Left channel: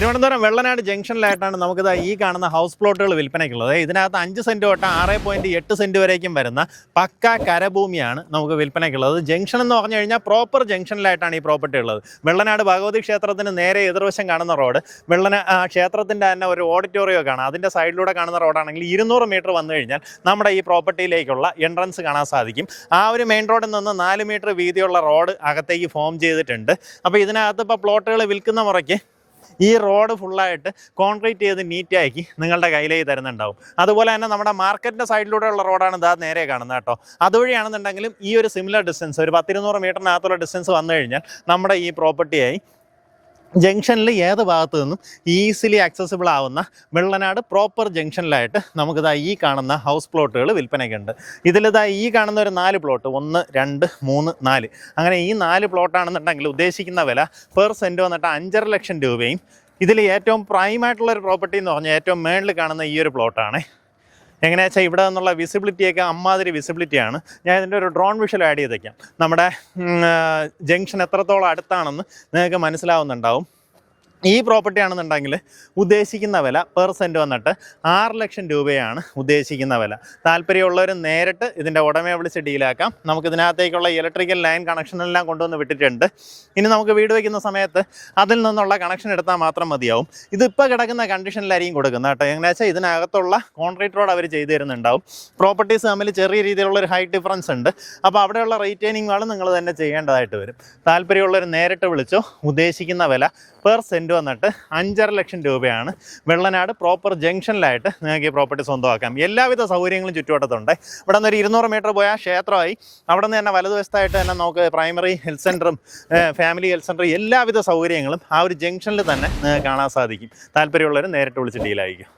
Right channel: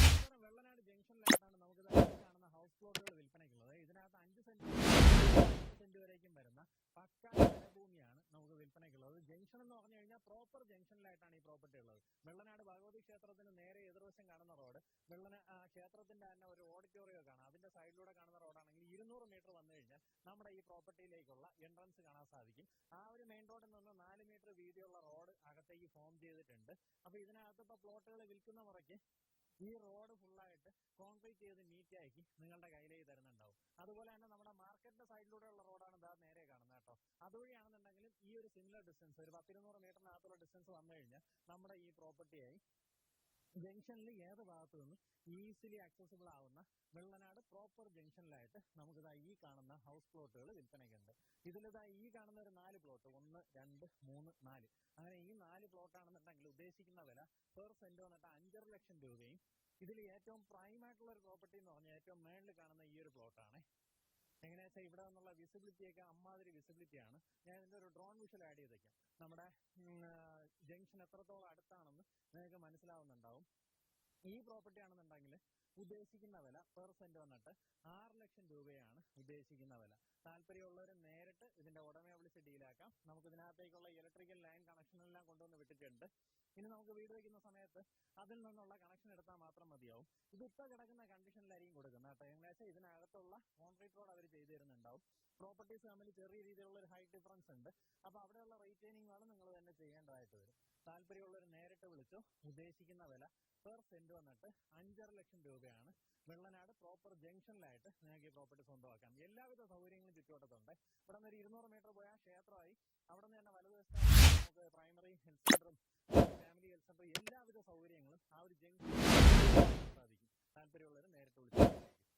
തിരുവനന്തപുരം വെള്ളനാട് ജംഗ്ഷനിലായിട്ടാണ് നമുക്കിത് ഈ കാണുന്ന ഹൗസ് പ്ലോട്ടുകൾ വിൽപ്പനയ്ക്കുള്ളത്. ഇതിനകത്ത് 5 സെൻറ്റ് തൊട്ട് 6.8 സെൻറ്റ് വരേക്കും വരുന്ന പക്ക കരഭൂമിയാണ് നമുക്ക് വിൽപ്പനയ്ക്കുള്ളത്. ജംഗ്ഷൻ എന്ന് പറഞ്ഞു കഴിഞ്ഞാൽ പ്രോപ്പർ ജംഗ്ഷനിലായിട്ടാണ് ഈ പ്രോപ്പർട്ടി ഉള്ളത്. വെള്ളനാട് ഭഗവതി ക്ഷേത്രത്തിന് നേരെ എതിർവശം കാണുന്ന റോഡ്, ക്ഷേത്രത്തിൻ്റെ തന്നെ ഒരു ഓഡിറ്റോറിയം കാണാം. അതിൻ്റെ സൈഡിലൂടെ കാണുന്ന റോഡാണെങ്കിൽ 200 മീറ്റർ വന്നു കഴിഞ്ഞാൽ നമ്മുടെ ഈ പ്രോപ്പർട്ടിയിലേക്കുള്ള എൻട്രൻസ് കാണാൻ സാധിക്കും. ആ ഒരു മെയിൻ റോഡിൽ നിന്ന് 4 മീറ്റർ വീതിയുള്ള റോഡ് അകത്തേക്ക് ഫോം ചെയ്തിട്ടുണ്ട്. അപ്പോൾ ഇതിനകത്ത് ഇപ്പോൾ പ്ലോട്ടുകൾ വിൽക്കുന്ന മുറയ്ക്ക് ഈ റോഡ് ഫുള്ളായിട്ട് കോൺക്രീറ്റ് ചെയ്ത് നീറ്റാക്കി നിങ്ങളുടെ കയ്യിലേക്ക് തരുന്നുണ്ടാവും. അതുപോലെ തന്നെ നമ്മുടെ മാർക്കറ്റിൻ്റെ സൈഡിലൂടെയുള്ള റോഡാണ് ഇതാ നേരെ കാണുന്നത് കേട്ടോ. അതുവഴിയാണെന്നുണ്ടെങ്കിലും ഈ ഒരു സിമിലർ ഡിസ്റ്റൻസ്, ഒരു 100-200 മീറ്ററിനകത്തുള്ള ഡിസ്റ്റൻസ് വന്നു കഴിഞ്ഞാൽ നമ്മുടെ ഈ പ്രോപ്പർട്ടിയായി. ജംഗ്ഷനിൽ ഏത് ഭാഗത്തു നിന്നും ഈസിലി ആക്സസിബിൾ ആവുന്ന വെള്ളനാട് പ്രോപ്പർ ജംഗ്ഷനിലായിട്ട് നമുക്കിതാ ഈ കാണുന്ന ഹൗസ് പ്ലോട്ടുകൾ വിൽപ്പനയ്ക്കുണ്ട്. ഇതിലിതാ ഈ കാണുന്ന ഒരു 4 പ്ലോട്ട്, 1, 2, 3, 4, അങ്ങനെ ഈ 4 പ്ലോട്ടാണെന്നുണ്ടെങ്കിൽ ഉദ്ദേശിക്കുന്ന വില പെർ സെൻറ്റ് വന്നിട്ട് 5.5 ലക്ഷം രൂപയും. ഇതിൽ ഏറ്റവും പ്രൈമായിട്ടുള്ളൊരു പ്രോപ്പർട്ടി എന്ന് പറഞ്ഞാൽ ഏറ്റവും മേളിൽ കാണുന്ന ഈ ഒരു പ്ലോട്ടാണ്. എങ്ങനെയാ വെച്ചാൽ ഇവിടെ നിന്നുള്ള വിസിബിലിറ്റിയൊക്കെ അമ്മാതിരി വിസിബിലിറ്റിയാണ്. ഞാൻ ഇതിൻ്റെ ഒരു ഡ്രോൺ വിഷ്വൽ ആഡ് ചെയ്തേക്കാം. നമ്മുടെ ജംഗ്ഷൻ എത്രത്തോളം അടുത്താണെന്ന് നിങ്ങൾക്ക് മനസ്സിലാവുന്നുണ്ടാവും. ഈ പ്രോപ്പർട്ടി ആണെന്നുണ്ടെങ്കിൽ ഉദ്ദേശിക്കുന്ന വില പെർ സെൻറ്റ് വന്നിട്ട് 6 ലക്ഷം രൂപയാണ് ഉദ്ദേശിക്കുന്ന വില. താല്പര്യമുള്ളവർ നേരിട്ട് ഇതിൻ്റെ ഉടമയെ വിളിച്ച് ഡീലാക്കാം. നമുക്കിതിനകത്തേക്കുള്ള ഇലക്ട്രിക്കൽ ലൈൻ കണക്ഷനെല്ലാം കൊണ്ടുവന്ന് വിട്ടിട്ടുണ്ട്. ഇനി നമുക്ക് വീട് വയ്ക്കുന്ന സമയത്ത് അതിൽ നിന്നുള്ള കണക്ഷൻ എടുത്താൽ മാത്രം മതിയാവും. ഇതിപ്പോൾ കിടക്കുന്ന കണ്ടീഷനിലായിരിക്കും കൊടുക്കുന്നത് കേട്ടോ. എങ്ങനെ വെച്ചാൽ ഇതിനകത്തുള്ള കോൺക്രീറ്റ് റോഡ് അവർ ചെയ്തു തരുന്നുണ്ടാവും. പ്രോപ്പർട്ടീസ് തമ്മിൽ ചെറിയ രീതിയിലുള്ളൊരു ഹൈറ്റ് ഡിഫറൻസ് ഉണ്ട്. അപ്പോൾ അവിടെയുള്ള റീറ്റെയിനിങ് വാൾ നിങ്ങൾ തന്നെ ചെയ്യേണ്ടതായിട്ട് വരും. താല്പര്യമുള്ളവർ നേരിട്ട് വിളിച്ചോ. ഉദ്ദേശിക്കുന്ന വില പെർ സെൻറ്റ് വന്നിട്ട് 5.5 ലക്ഷം രൂപയാണ്. വെള്ളനാട് പ്രോപ്പർ ജംഗ്ഷനിലായിട്ട് നിങ്ങൾക്ക് ഈ പ്രോപ്പർട്ടി സ്വന്തമാക്കാം. എല്ലാവിധ സൗകര്യങ്ങളും ചുറ്റുവട്ടത്തുണ്ട്. ഇവിടെ നിന്ന് ഒരു 200 മീറ്റർ പോയാൽ ക്ഷേത്രമായി. അവിടെ നിന്ന് തന്നെ വലതുവശത്തായിട്ട് തന്നെ നമുക്ക് പ്രൈമറി ഹെൽത്ത് സെൻ്ററും ഫാമിലി ഹെൽത്ത് സെൻ്ററും എല്ലാവിധ സൗകര്യങ്ങളും ആ ഒരു ജംഗ്ഷനിൽ തന്നെ കാണാൻ സാധിക്കും. താല്പര്യമുള്ളവർ നേരിട്ട് വിളിച്ച് ഡീലായിരിക്കും.